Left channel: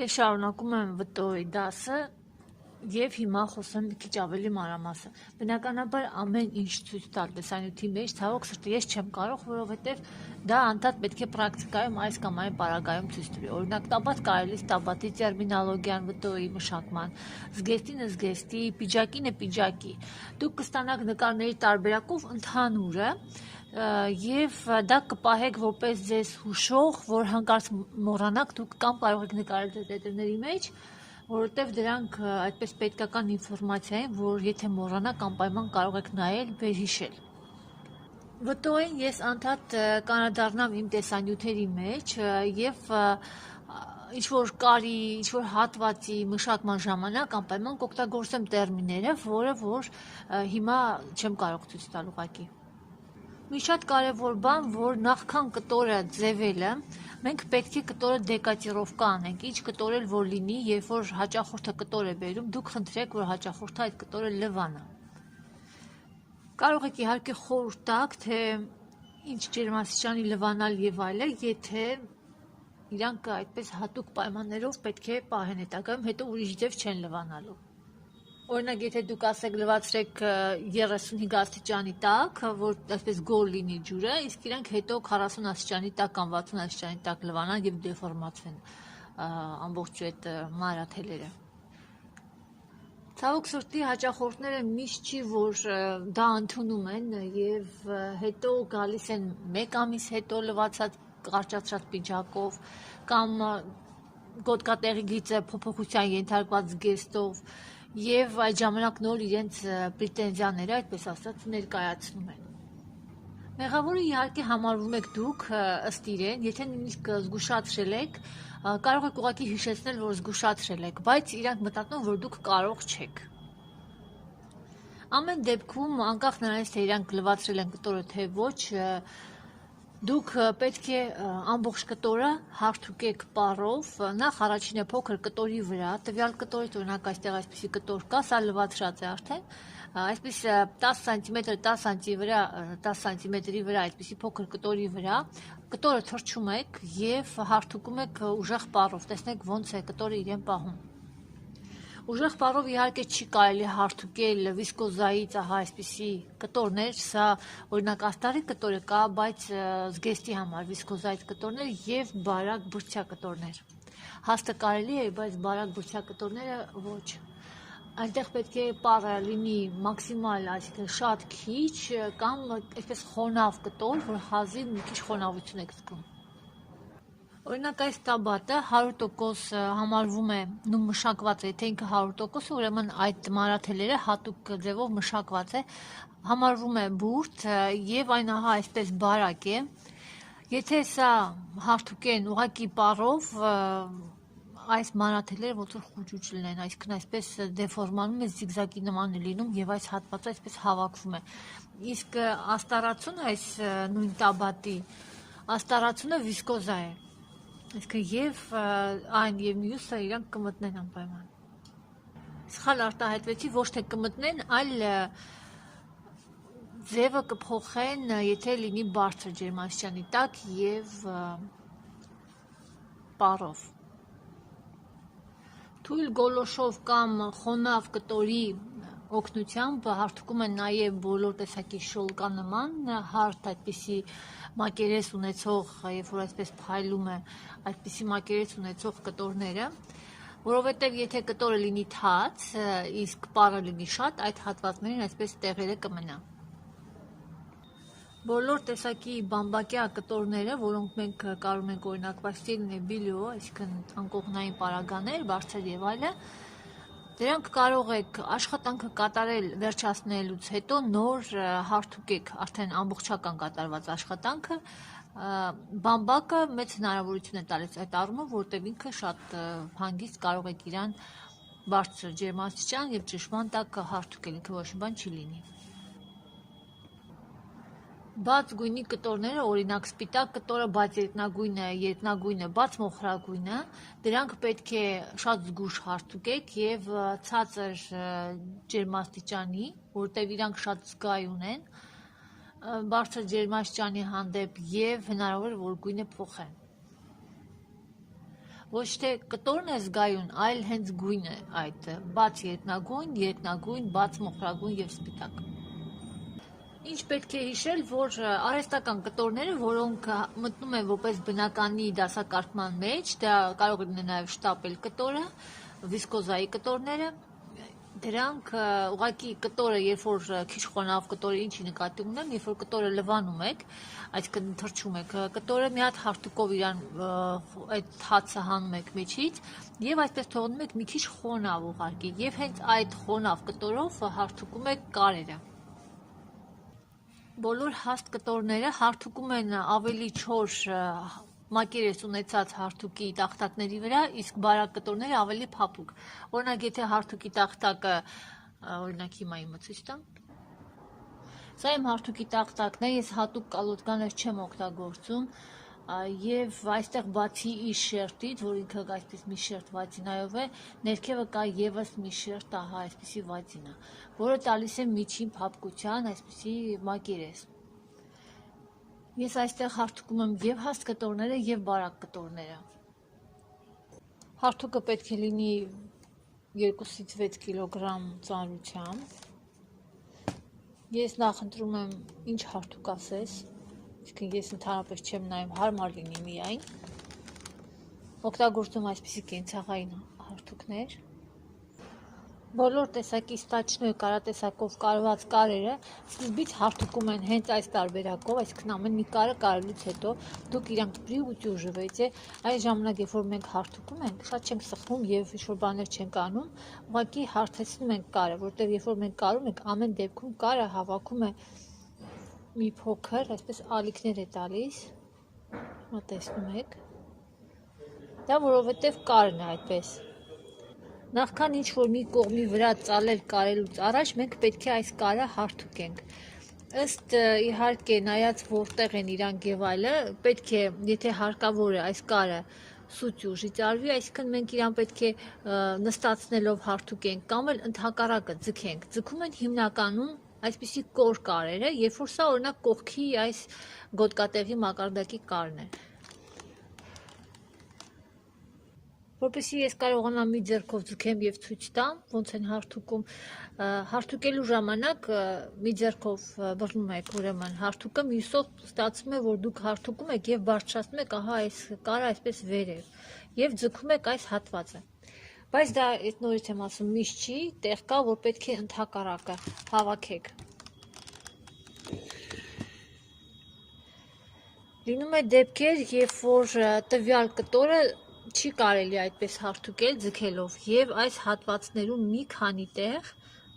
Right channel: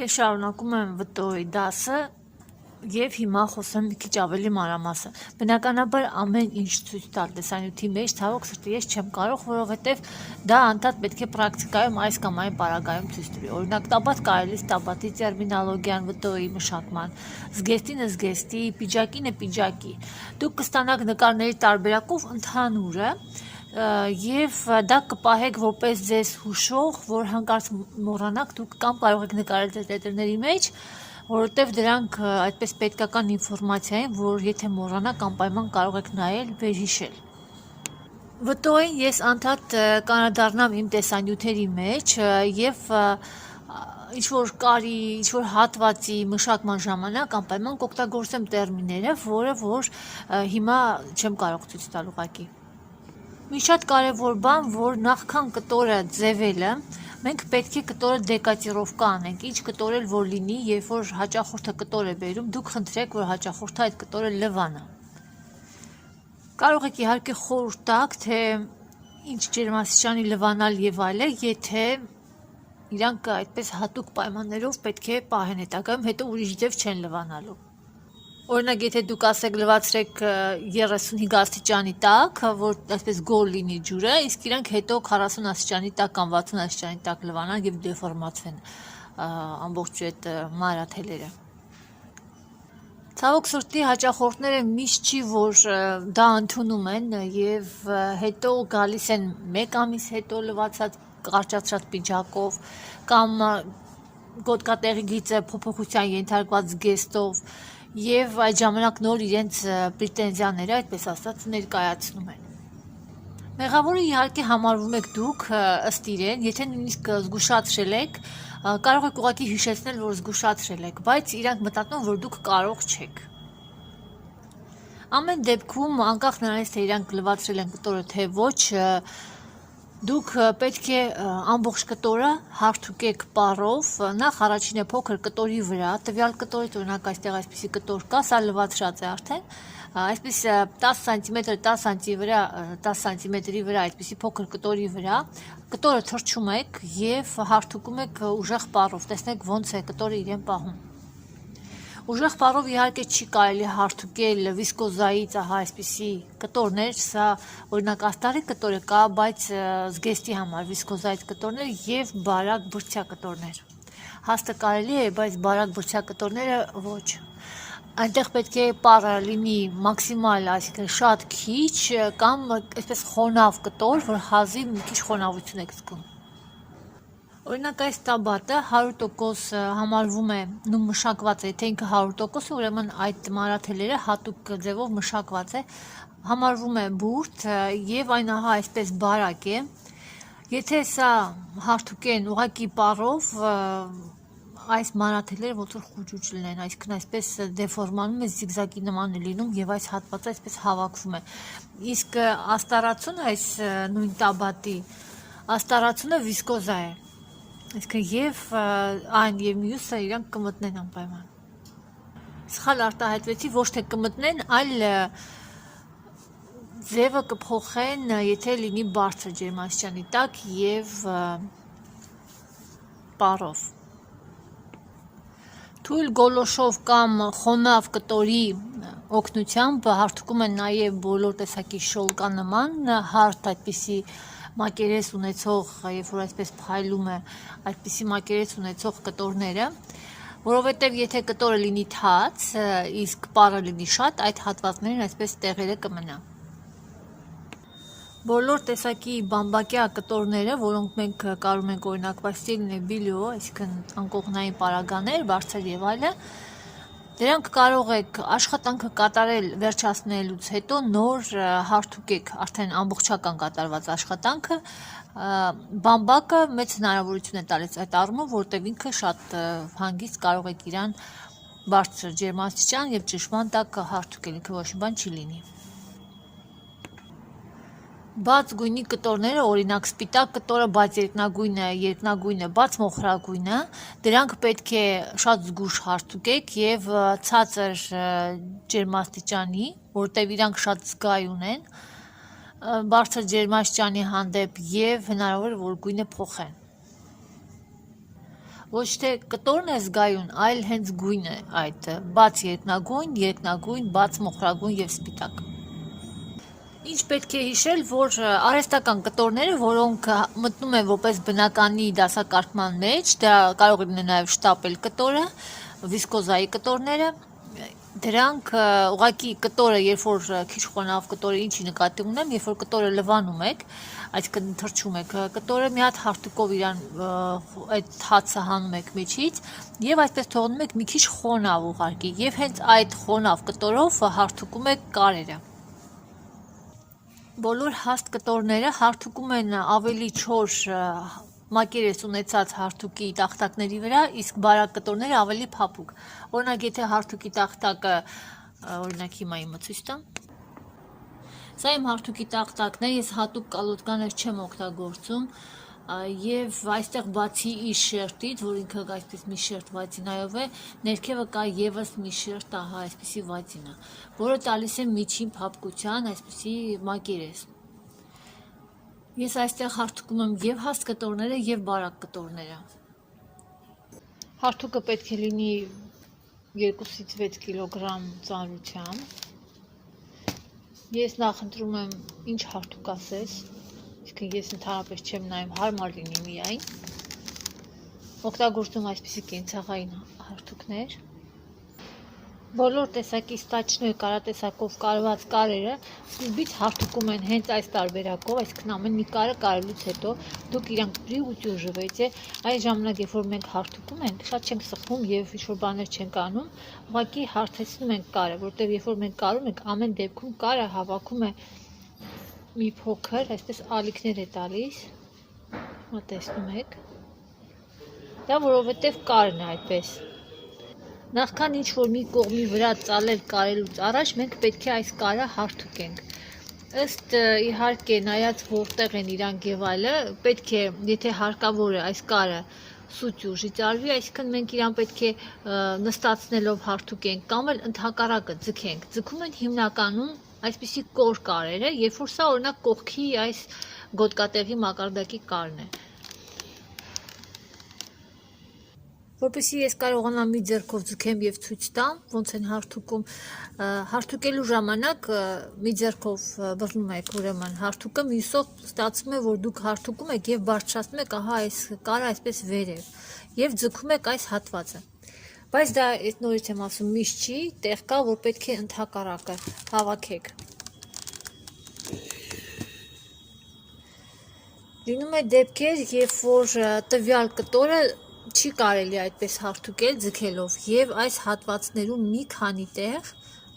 Ես շարունակում եմ վտորի դասը և հիմա խոսեմ մի քիչ ավելի մանրամասն։ Բնականաբար ամեն ինչ ցույց տալ տեսանյութի մեջ ցավոք սրտի ես չեմ կարող, որովհետև դա անդադ պետք է պրակտիկայում այս կամ այն պարագայում ցույց տվի։ Օրինակ տաբատ կարելի տաբատի տերմինոլոգիան վտորի մշակման, զգեստինը զգեստի, պիջակինը պիջակի։ Դուք կստանաք նկարների տարբերակով ընդհանուրը և դա կպահեք որպես ձեզ հուշող, որ հանկարծ մոռանաք, դուք կամ կարող եք նկարել ձեր տետրների մեջ, որովհետև դրանք այդպես պետքական ինֆորմացիա են, որ եթե մոռանաք անպայման կարող եք նայել, վերհիշել։ Վտոյին ես անդադ կանադառնամ իմ տեսանյութերի մեջ և ինչ-որ կարի, ինչ-որ հատվածի մշակման ժամանակ անպայման կօգտագործեմ տերմինները, որը որ հիմա չեմ կարող ցույց տալ ուղղակի։ Մի շատ կարևոր բան, որ նախքան կտորը ձևելը, մենք պետք է կտորը դեկատիրովկա անենք, ինչ կտորել որ լինի, երբ որ հաճախորդը կտոր է բերում, դուք խնդրեք, որ հաճախորդը այդ կտորը լվանա։ Կարող եք իհարկե խորհուրդ տաք, թե ինչ ջերմաստիճանի լվանալ եւ այլն, եթե իրանք այդպես հատուկ պայմաններով պետք է պահեն հետագայում, հետո ուրիշ ձև չեն լվանալու։ Օրինակ, եթե դուք ասեք լվացրեք 35 աստիճանի տակ, որ այսպես գոլ լինի ջուրը, իսկ իրանք հետո 40 աստիճանի տակ կամ 60 աստիճանի տակ լվանան եւ դեֆորմացվեն ամբողջ այդ մանրաթելերը։ Ցավոք սրտի հաճախորդները միշտ չի, որ դա ընդունում են եւ հետո գալիս են 1 ամիս հետո լվացած կարճացած պիջակով կամ գոտկատեղի գիծը փոփոխության ենթարկված զգեստով և այդ ժամանակ նոր իրենց պրետենզիաները, այդպես ասած, ներկայացնում են։ Մեղավորը իհարկե համարվում եք դուք ըստ իրեն, եթե նույնիսկ զգուշացրել եք, կարող եք ուղղակի հիշեցնել, որ զգուշացրել եք, բայց իրանք մտածում, որ դուք կարող չեք։ Ամեն դեպքում, անկախ նրանից, թե իրանք լվացրել են կտորը, թե ոչ, դուք պետք է ամբողջ կտորը հարթուկեք պարով, նախ առաջինը փոքր կտորի վրա, տվյալ կտորից օրինակ այստեղ այսպիսի կտոր կա, սա լվացրած է արդեն, այսպես 10 սանտիմետր 10 սանտիմետրի վրա այսպիսի փոքր կտորի վրա, կտորը թռչում եք և հարթուկում եք ուժեղ պարով, տեսնեք ոնց է կտորը իրեն պահում։ Ուժեղ պարով իհարկե չի կարելի հարթուկել վիսկոզայից ահա այսպիսի կտորներ, սա օրինակ աստարի կտորը կա, բայց զգեստի համար վիսկոզայից կտորներ և բարակ բրդյա կտորներ։ Հաստը կարելի է, բայց բարակ բրդյա կտորները ոչ։ Այնտեղ պետք է պարը լինի մաքսիմալ, այսինքն շատ քիչ կամ այսպես խոնավ կտոր, որ հազիվ մի քիչ խոնավություն եք զգում։ Օրինակ այս տաբատը 100% համարվում է նույն մշակված է, եթե ինքը 100%, ուրեմն այդ մանրաթելերը հատուկ ձևով մշակված է, համարվում է բուրդ եւ այն ահա այսպես բարակ է։ Եթե սա հարթուկեն ուղակի պարով, այս մանրաթելերը ոնց որ խուճուճ լինեն, այսինքն այսպես դեֆորմանում է, զիգզագի նման է լինում եւ այս հատվածը այսպես հավաքվում է։ Իսկ աստարացուն այս նույն տաբատի աստարացունը վիսկոզա է։ Այսինքն և այն և մյուսը իրանք կմտնեն անպայման։ Սխալ արտահայտվեցի, ոչ թե կմտնեն, այլ ձևը կփոխեն, եթե լինի բարձր ջերմաստիճանի տակ և պարով։ Թույլ գոլոշով կամ խոնավ կտորի օգնությամբ հարթուկում են նաև բոլոր տեսակի շոլկանման հարթ այդպիսի մակերես ունեցող, երբ որ այսպես փայլում է այդպիսի մակերես ունեցող կտորները, որովհետև եթե կտորը լինի թաց, իսկ պարը լինի շատ, այդ հատվածներն այսպես տեղերը կմնա։ Բոլոր տեսակի բամբակյա կտորները, որոնք մենք կարում ենք օրինակ պաստելնե բիլիո, այսինքն անկողնային պարագաներ, բարձր եւ այլն, դրանք կարող եք աշխատանքը կատարել վերջացնելուց հետո նոր հարթուկեք, արդեն ամբողջական կատարված աշխատանքը, բամբակը մեծ հնարավորություն է տալիս այդ առումով, որտեղ ինքը շատ հանգիստ կարող եք իրան բարձր ջերմաստիճան եւ ճնշման տակ հարթուկել, ինքը ոչ մի բան չի լինի։ Բաց գույնի կտորները, օրինակ սպիտակ կտորը, բաց երկնագույնը, բաց մոխրագույնը, դրանք պետք է շատ զգուշ հարթուկեք եւ ցածր ջերմաստիճանի, որտեղ իրանք շատ զգայուն են, բարձր ջերմաստիճանի հանդեպ եւ հնարավոր է որ գույնը փոխեն։ Ոչ թե կտորն է զգայուն, այլ հենց գույնը այդ բաց երկնագույն, բաց մոխրագույն եւ սպիտակ։ Ինչ պետք է հիշել, որ արհեստական կտորները, որոնք մտնում են որպես բնականի դասակարգման մեջ, դա կարող է նաև շտապել կտորը, վիսկոզայի կտորները, դրանք ուղղակի կտորը, երբ որ քիչ խոնավ կտորը ինչի նկատի ունեմ, երբ որ կտորը լվանում եք, այսինքն թրջում եք կտորը, մի հատ հարթուկով իրան այդ հացը հանում եք միջից եւ այսպես թողնում եք մի քիչ խոնավ ուղղակի եւ հենց այդ խոնավ կտորով հարթուկում եք կարերը։ Բոլոր հաստ կտորները հարթուկում են ավելի չոր մակերես ունեցած հարթուկի տախտակների վրա, իսկ բարակ կտորները ավելի փափուկ։ Օրինակ, եթե հարթուկի տախտակը, օրինակ հիմա իմը ցույց տամ։ Սա իմ հարթուկի տախտակն է, ես հատուկ կալոտկաներ չեմ օգտագործում, եւ այստեղ բացի իր շերտից, որ ինքը այսպես մի շերտ վազինայով է, ներքևը կա եւս մի շերտ, ահա այսպեսի վազինա, որը տալիս է միջին փափկության այսպեսի մակերես։ Ես այստեղ հարթուկում եմ եւ հաստ կտորները եւ բարակ կտորները։ Հարթուկը պետք է լինի 2-ից 6 կիլոգրամ ծանրությամբ։ Ես նախընտրում եմ ինչ հարթուկ ասես, իսկ ես ընդհանրապես չեմ նայում հարմար լինի միայն։ Օգտագործում այսպիսի կենցաղային հարթուկներ։ Բոլոր տեսակի ստաչներ կարատեսակով կարված կարերը սկզբից հարթուկում են հենց այս տարբերակով, այսինքն ամեն մի կարը կարելուց հետո դուք իրանք պրի ու ճուժվեցե, այս ժամանակ երբ որ մենք հարթուկում ենք, շատ չենք սխում եւ ինչ-որ բաներ չենք անում, ուղղակի հարթեցնում ենք կարը, որտեղ երբ որ մենք կարում ենք, ամեն դեպքում կարը հավաքում է մի փոքր, այսպես ալիքներ է տալիս, հիմա տեսնում եք, դա որովհետև կարն է այդպես։ Նախքան ինչ-որ մի կողմի վրա ծալել կարելուց առաջ մենք պետք է այս կարը հարթուկենք։ Ըստ իհարկե նայած որտեղ են իրանք եւ այլը, պետք է, եթե հարկավոր է այս կարը սուտ ուժի ծարվի, այսինքն մենք իրան պետք է նստացնելով հարթուկենք կամ էլ ընդհակառակը ձգենք։ Ձգում են հիմնականում այսպիսի կոր կարերը, երբ որ սա օրինակ կողքի այս գոտկատեղի մակարդակի կարն է։ Որպեսզի ես կարողանամ մի ձեռքով ձգեմ եւ ցույց տամ, ոնց են հարթուկում, հարթուկելու ժամանակ մի ձեռքով բռնում եք ուրեմն հարթուկը, մյուսով ստացվում է, որ դուք հարթուկում եք եւ բարձրացնում եք, ահա այս կարը այսպես վերև եւ ձգում եք այս հատվածը։ Բայց դա այդ նորից եմ ասում, միշտ չի, տեղ կա, որ պետք է ընդհակառակը հավաքեք։ Լինում է դեպքեր, երբ որ տվյալ կտորը չի կարելի այդպես հարթուկել ձգելով եւ այս հատվածներում մի քանի տեղ,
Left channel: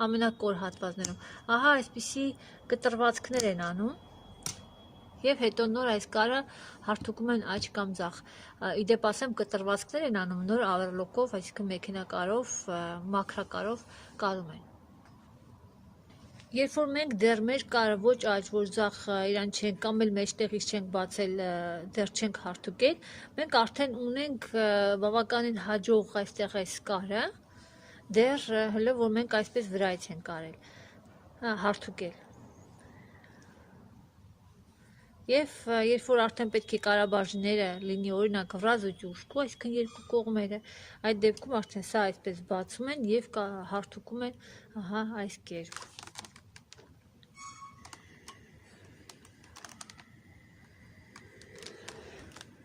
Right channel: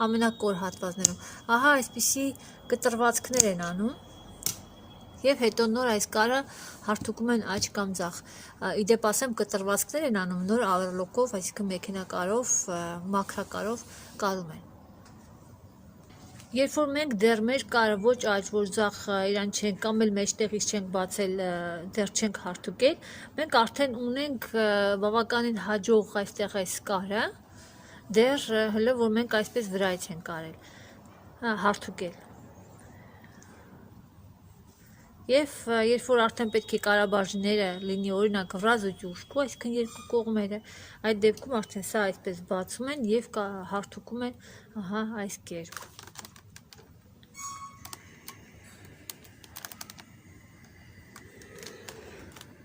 ամենակոր հատվածներում, ահա այսպիսի կտրվածքներ են անում եւ հետո նոր այս կարը հարթուկում են աջ կամ ձախ։ Իդեպ ասեմ, կտրվածքներ են անում նոր ավերլոկով, այսինքն մեքենակարով, մաքրակարով կարում են։ Երբ որ մենք դեռ մեր կարը ոչ աջ, ոչ ձախ իրան չենք կամ էլ մեջտեղից չենք բացել, դեռ չենք հարթուկել, մենք արդեն ունենք բավականին հաջող այստեղ այս կարը, դեռ հələ որ մենք այսպես վրայից ենք արել, հարթուկել։ Եվ երբ որ արդեն պետք է կարաբաժները լինի օրինակ վրազ ու ճուշկու, այսինքն երկու կողմերը, այդ դեպքում արդեն սա այսպես բացում են եւ հարթուկում են, ահա այս կերպ։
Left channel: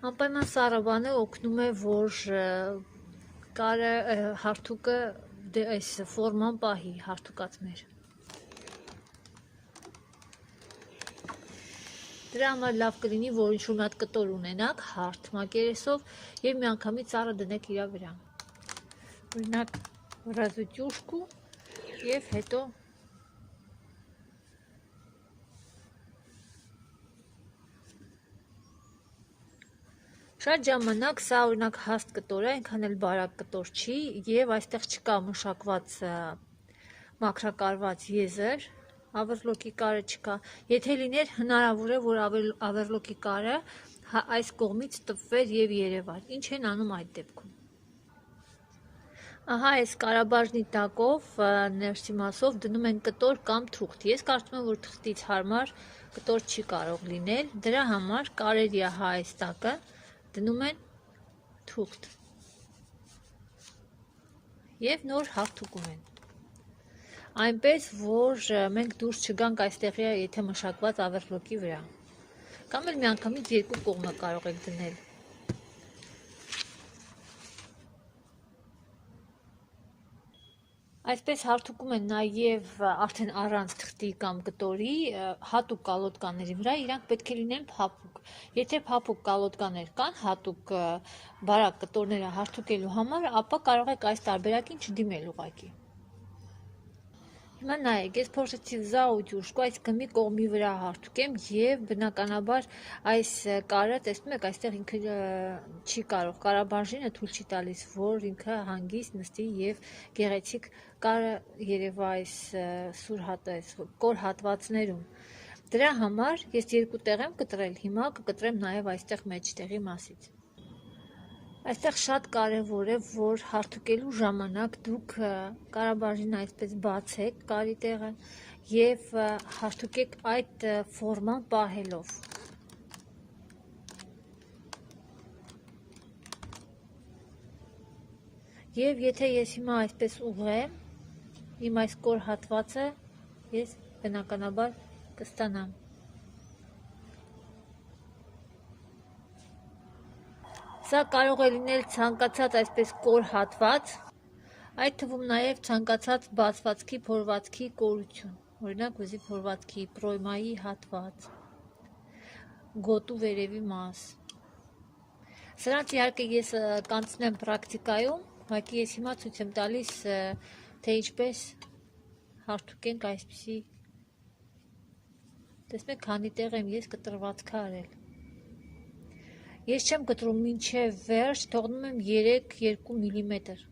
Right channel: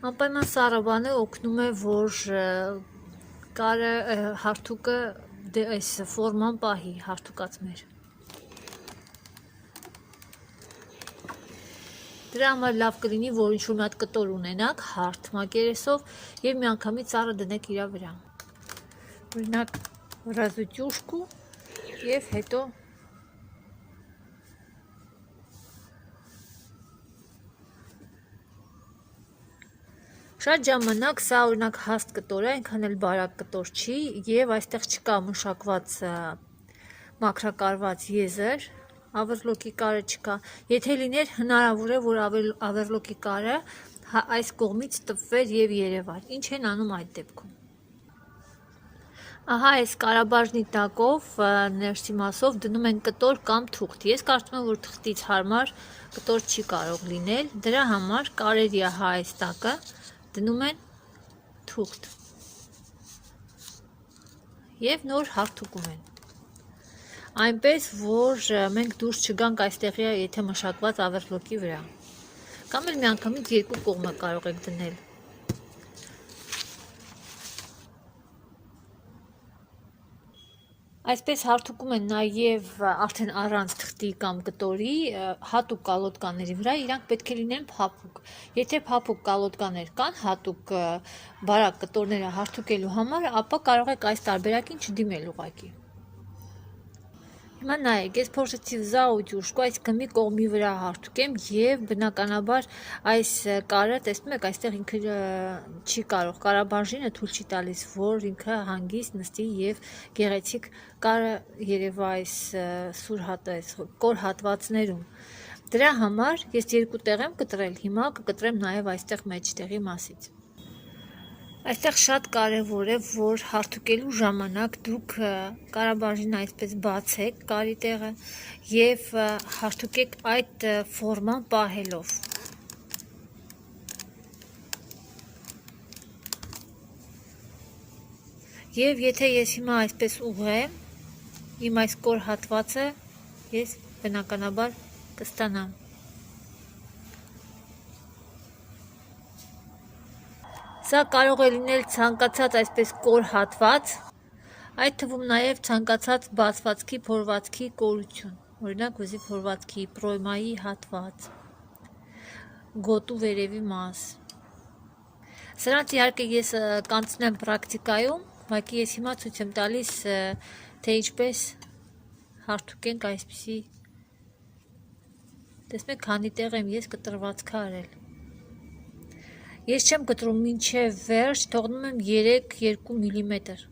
Անպայման սառը բանը օգնում է, որ կարը հարթուկը այս ֆորման պահի հարթուկած մեր։ Դրա համար լավ կլինի, որ ինչ-որ մի հատ կտոր ունենաք հարթ մակերեսով եւ միանգամից սառը դնեք իրա վրա։ Օրինակ վրազու ճուշկու եւ հետո Շատ ժամանակ սա օրինակ հաստ կտոր է, այնքան էլ բարակ կտոր չի եւ այստեղ չկա մշակված մաքրակարված եզր, ավերլոկի կարը չկա։ Եթե լիներ հնարավոր է, որ ավերլոկի կարը այս կողմից տպվեր եւ երևար։ Ինչ են անում այդ դեպքում։ Ահա այս կարաբաժնի տակով ներսի մասով դնում են կտոր կամ թուղթ։ Ես կարծում եմ, որ թղթից հարմար կտոր չի կարող լինել։ Դրա համար կարելի է հա այս տակը դնում են թուղթ։ եւ նոր հարթուկում են։ Այնպես, որ մենք դուրս չգանք այստեղի, եթե մշակված ավերլոկի վրա։ Կամ էլ միանգամից երկու կողմը կարող եք դնել։ Այսպես հարթուկում են նաև արդեն առանց թղթի կամ կտորի հատուկ կալոտկաների վրա իրանք պետք է լինեն փափուկ։ Եթե փափուկ կալոտկաներ կան հատուկ բարակ կտորները հարթուկելու համար, ապա կարող եք այս տարբերակին չդիմել ուղղակի։ Հիմա նայեք, ես փորձեցի взял утюжку, այսինքն մի կողմի վրա հարթուկեմ եւ բնականաբար այս կարը, տեսնում եք, այստեղ ինքը չի կարող, կարաբաժինը թույլ չի տալիս, որ ինքը հանգիստ նստի եւ գեղեցիկ կարը երևա այս սուր հատես, կոր հատվածներում։ Դրա համար ես երկու տեղ եմ կտրել, հիմա կկտրեմ նաեւ այստեղ մեջտեղի մասից։ Այստեղ շատ կարևոր է, որ հարթուկելու ժամանակ դուք կարաբաժինը այսպես բացեք կարի տեղը եւ հարթուկեք այդ ֆորման պահելով։ Եվ եթե ես հիմա այսպես ուղղեմ, իմ այս կոր հատվածը ես բնականաբար կստանամ։ Սա կարող է լինել ցանկացած այսպես կոր հատված, այդ թվում նաև ցանկացած բացվածքի փորվածքի կորություն, օրինակ վզի փորվածքի, պրոյմայի հատված, գոտու վերևի մաս։ Սրանց իհարկե ես կանցնեմ պրակտիկայում, բայց ես հիմա ցույց եմ տալիս, թե ինչպես հարթուկենք այսպիսի, տեսնեք, քանի տեղ եմ ես կտրվածքը արել։ Ես չեմ կտրում մինչև վերջ, թողնում եմ 3-2 միլիմետր։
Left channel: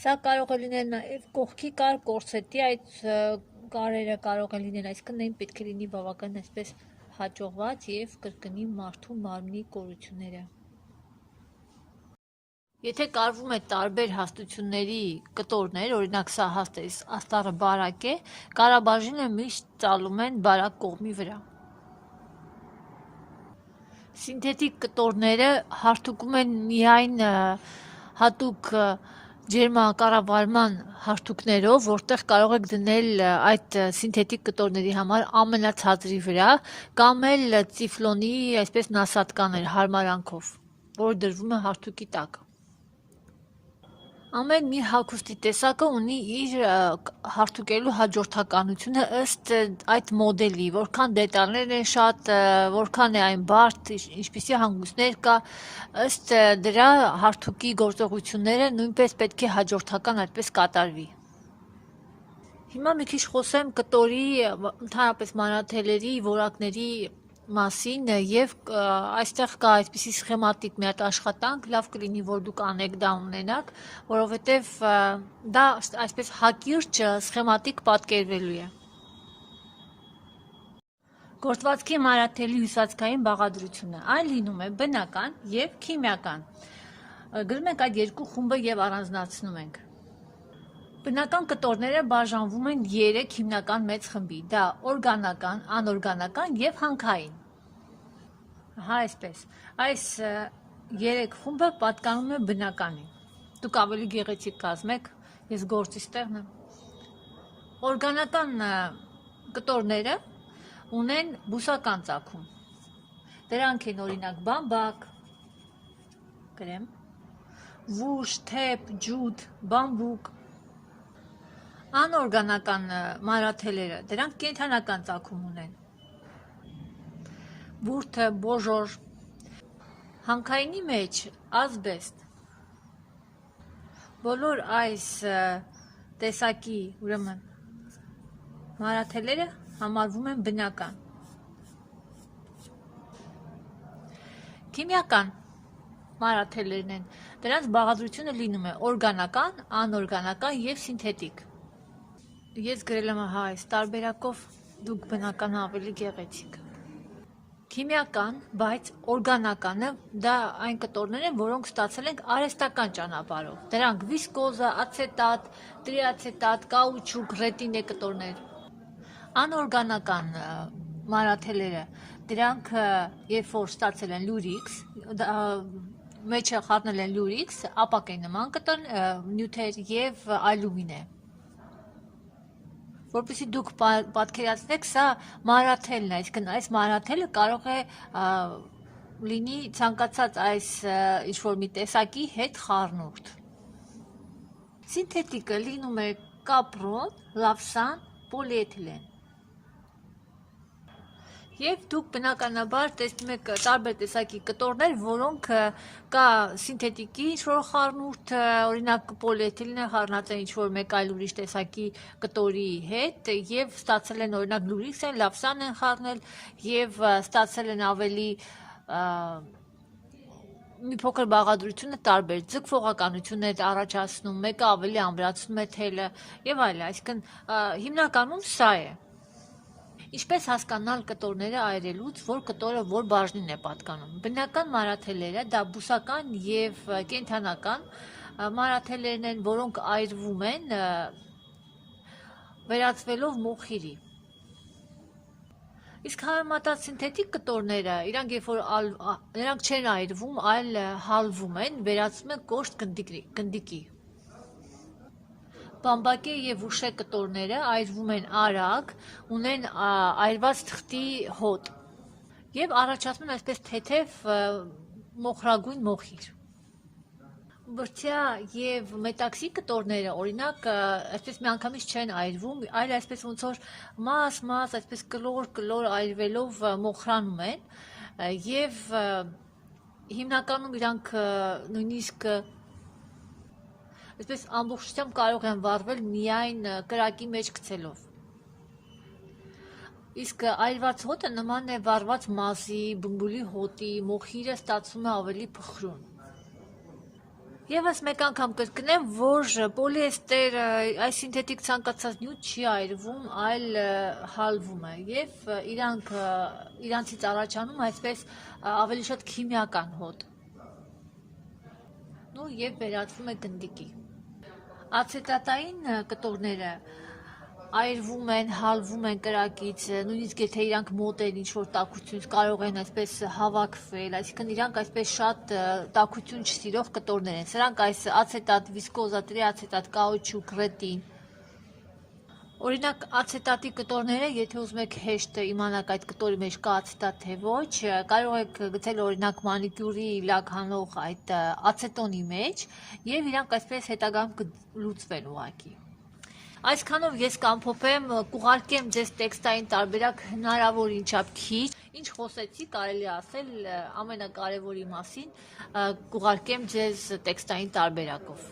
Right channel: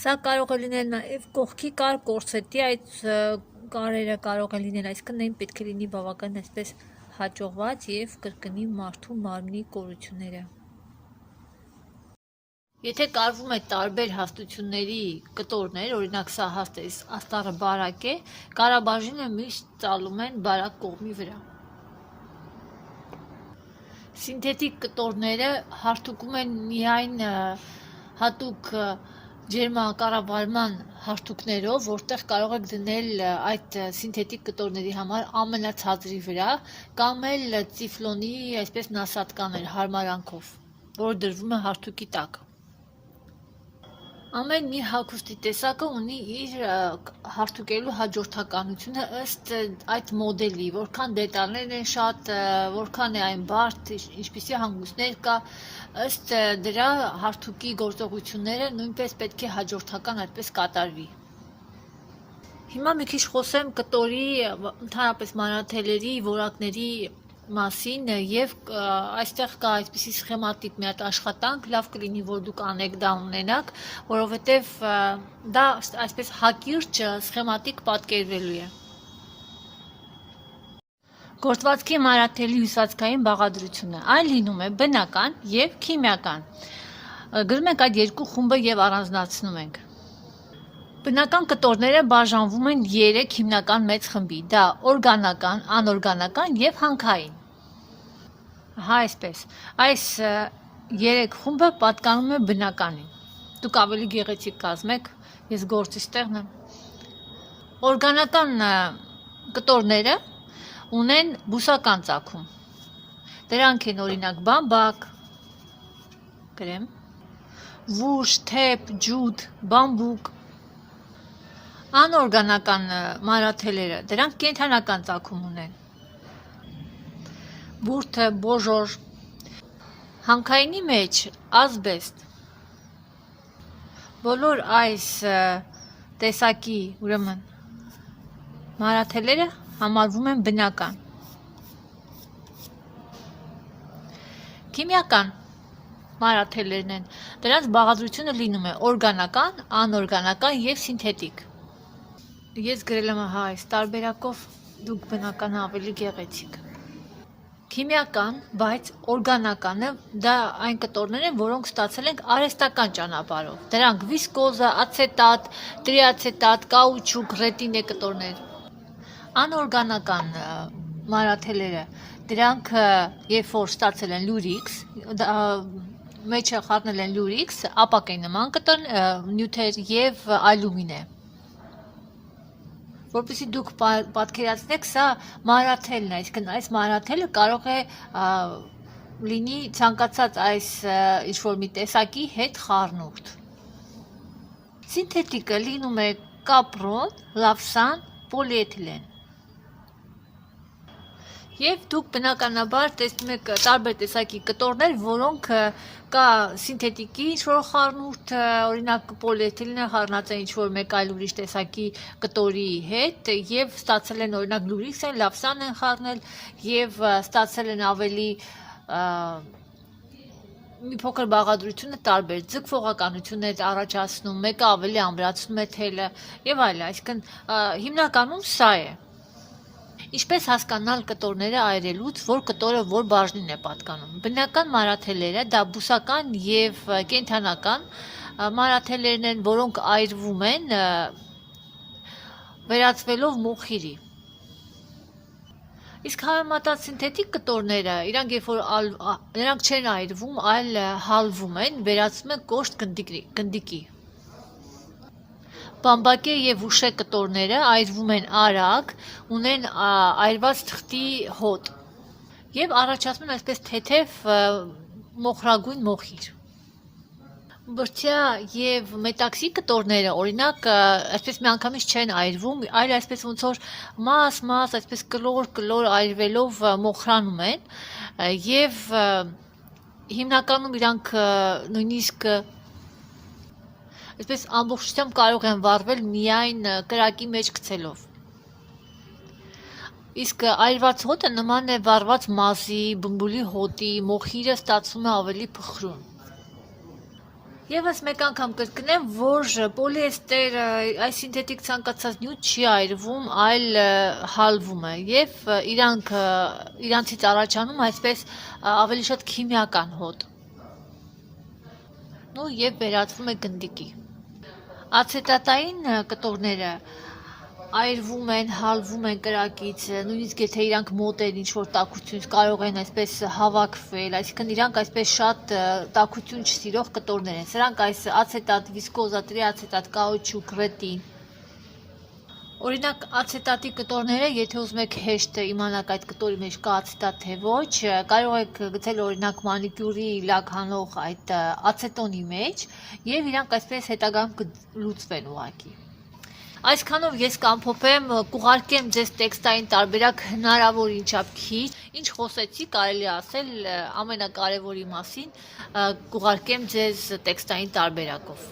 Սա կարող է լինել նաև կողքի կար, կորսետի այդ կարերը կարող է լինել, այսինքն այն պետք է լինի բավական այսպես հաջողված եւ կրկնի մարդու մարմնի կորությունները։ Եթե կարվում է տարբեր հաստությունների կտորներ, օրինակ սա հաստ է, աստառը բարակ է, կարաբաժինը միշտ ծալում են բարակ կողմի վրա։ Սինթետիկ կտորները հարթուկում են միայն հատուկ ջերմակառավարման հարթուկներով, որտեղ կարող եք դնել այդ սինթետիկ կտորների համար ամենացածրի վրա, կամ էլ ծիֆլոնի այսպես նասատկաներ հարմարանքով, որ դրվում է հարթուկի տակ։ Ամեն մի հագուստի տեսակը ունի իր հարթուկելու հաջորդականությունը ըստ այդ մոդելի, որքան դետալներ են շատ, որքան է այն բարդ, ինչպիսի հանգույցներ կա, ըստ դրա հարթուկի գործողությունները նույնպես պետք է հաջորդական այդպես կատարվի։ Հիմա մի քիչ խոսեմ կտորի, ընդհանրապես մանրաթելերի, որակների մասին եւ այստեղ կա այսպիսի սխեմատիկ մի հատ աշխատանք, լավ կլինի որ դուք անեք դա ունենաք, որովհետեւ դա այսպես հակիրճ սխեմատիկ պատկերվելու է։ Գործվածքի մանրաթելի հյուսվածքային բաղադրությունը այն լինում է բնական եւ քիմիական։ Գրում ենք այդ երկու խումբը եւ առանձնացնում ենք։ Բնական կտորները բաժանվում են 3 հիմնական մեծ խմբի՝ դա օրգանական, անօրգանական եւ հանքային։ Հա, այսպես։ Այս 3 խումբը պատկանում է բնականին։ Դուք ավելի գեղեցիկ կազմեք, ես գործից տեղն եմ։ Օրգանական կտորները ունեն բուսական ծագում։ Դրանք են օրինակ բամբակ, գրեմ, վուշ, թեփ, ջութ, բամբուկ։ Անօրգանական մանրաթելերը, դրանք կենդանական ծագում ունեն։ Բուրդը, բոժոր, հանքայինի մեջ ազբեստ։ Բոլոր այս տեսակի, ուրեմն, մանրաթելերը համարվում են բնական։ Քիմիական մանրաթելերն են, դրանց բաղադրությունը լինում է օրգանական, անօրգանական եւ սինթետիկ։ Ես գրել եմ հա այս տարբերակով, դուք բնական ավելի գեղեցիկ։ Քիմիական, բայց օրգանականը դա այն կտորներ են, որոնք ստացել ենք արհեստական ճանապարհով։ Դրանք վիսկոզա, ացետատ, տրիացետատ, կաուչուկ, ռետինե կտորներ։ Անօրգանական մանրաթելերը, դրանք երբ որ ստացել են լուրիքս, մեջը խառնել են լյուրիքս, ապակե նման կտոր նյութեր եւ ալյումին է։ Որպեսզի դուք պատկերացնեք, սա մանրաթելն է, այսինքն այս մանրաթելը կարող է լինի ցանկացած այս ինչ-որ մի տեսակի հետ խառնուրդ։ Սինթետիկը լինում է կապրոն, լավսան, պոլիէթիլեն։ Եվ դուք բնականաբար տեսնում եք տարբեր տեսակի կտորներ, որոնք կա սինթետիկի ինչ-որ խառնուրդ, օրինակ պոլիէթիլենը խառնած է ինչ-որ մեկ այլ ուրիշ տեսակի կտորի հետ եւ ստացել են օրինակ լուրիքս են, լավսան են խառնել եւ ստացել են ավելի մի փոքր բաղադրությունը տարբեր ձգվողականություն է առաջացնում, մեկը ավելի ամրացնում է թելը եւ այլն, այսինքն հիմնականում սա է։ Ինչպես հասկանալ կտորները այրելուց, որ կտորը որ բաժնին է պատկանում։ Բնական մանրաթելերը դա բուսական եւ կենդանական մանրաթելերն են, որոնք այրվում են վերածվելով մոխիրի։ Իսկ համեմատած սինթետիկ կտորները, նրանք չեն այրվում, այլ հալվում են, վերածվում են կոշտ գնդիկի։ Բամբակե եւ ուշե կտորները այրվում են արագ, ունեն այրված թղթի հոտ եւ առաջացնում են այսպես թեթև մոխրագույն մոխիր։ Բրդյա եւ մետաքսի կտորները օրինակ այսպես միանգամից չեն այրվում, այլ այսպես ոնց որ մաս, այսպես կլոր այրվելով մոխրանում են եւ հիմնականում իրանք նույնիսկ այսպես ամբողջությամբ կարող են վառվել միայն կրակի մեջ գցելով։ Իսկ այրված հոտը նման է վառված մազի, բմբուլի հոտի, մոխիրը ստացվում է ավելի փխրուն։ Եվս մեկ անգամ կրկնեմ, որ պոլիեստերը, այս սինթետիկ ցանկացած նյութ չի այրվում, այլ հալվում է եւ իրանցից առաջանում այսպես ավելի շատ քիմիական հոտ։ Ну եւ վերածվում է գնդիկի։ Ացետատային կտորները այրվում են, հալվում են կրակից, նույնիսկ եթե իրանք մոտ են ինչ-որ տաքությունից կարող են այսպես հավաքվել, այսինքն իրանք այսպես շատ տաքություն չսիրող կտորներ են։ Սրանք այս ացետատ, վիսկոզա, տրիացետատ, կաուչուկ, ռետին։ Օրինակ ացետատի կտորները, եթե ուզում եք հեշտ իմանալ այդ կտորի մեջ կա ացետատ թե ոչ, կարող եք գցել օրինակ մանիկյուրի լակ հանող այդ ացետոնի մեջ եւ իրանք այսպես հետագայում կլուծվեն ուղղակի։ Այսքանով ես կամփոփեմ, կուղարկեմ ձեզ տեքստային տարբերակ հնարավոր ինչապ քիչ, ինչ խոսեցի, կարելի ասել ամենակարևորի մասին, կուղարկեմ ձեզ տեքստային տարբերակով։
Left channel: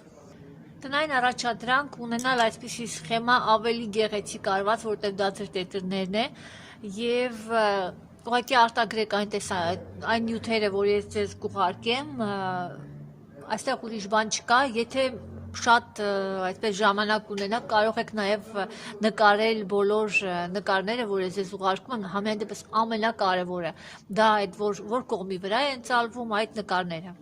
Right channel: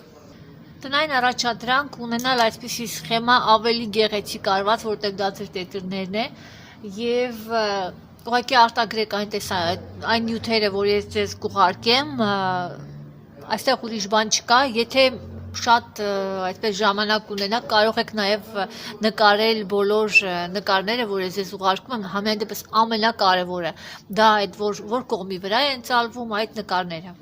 Տնային առաջադրանք ունենալ այսպիսի սխեմա ավելի գեղեցիկ արված, որտեղ դա ձեր տետրներն է եւ ուղղակի արտագրեք այն նյութերը, որ ես ձեզ կուղարկեմ, այստեղ ուրիշ բան չկա, եթե շատ այսպես ժամանակ ունենաք, կարող եք նաև նկարել բոլոր նկարները, որ ես ուղարկում եմ, համենայն դեպս ամենակարևորը դա այդ որ կողմի վրա են ծալվում այդ նկարները։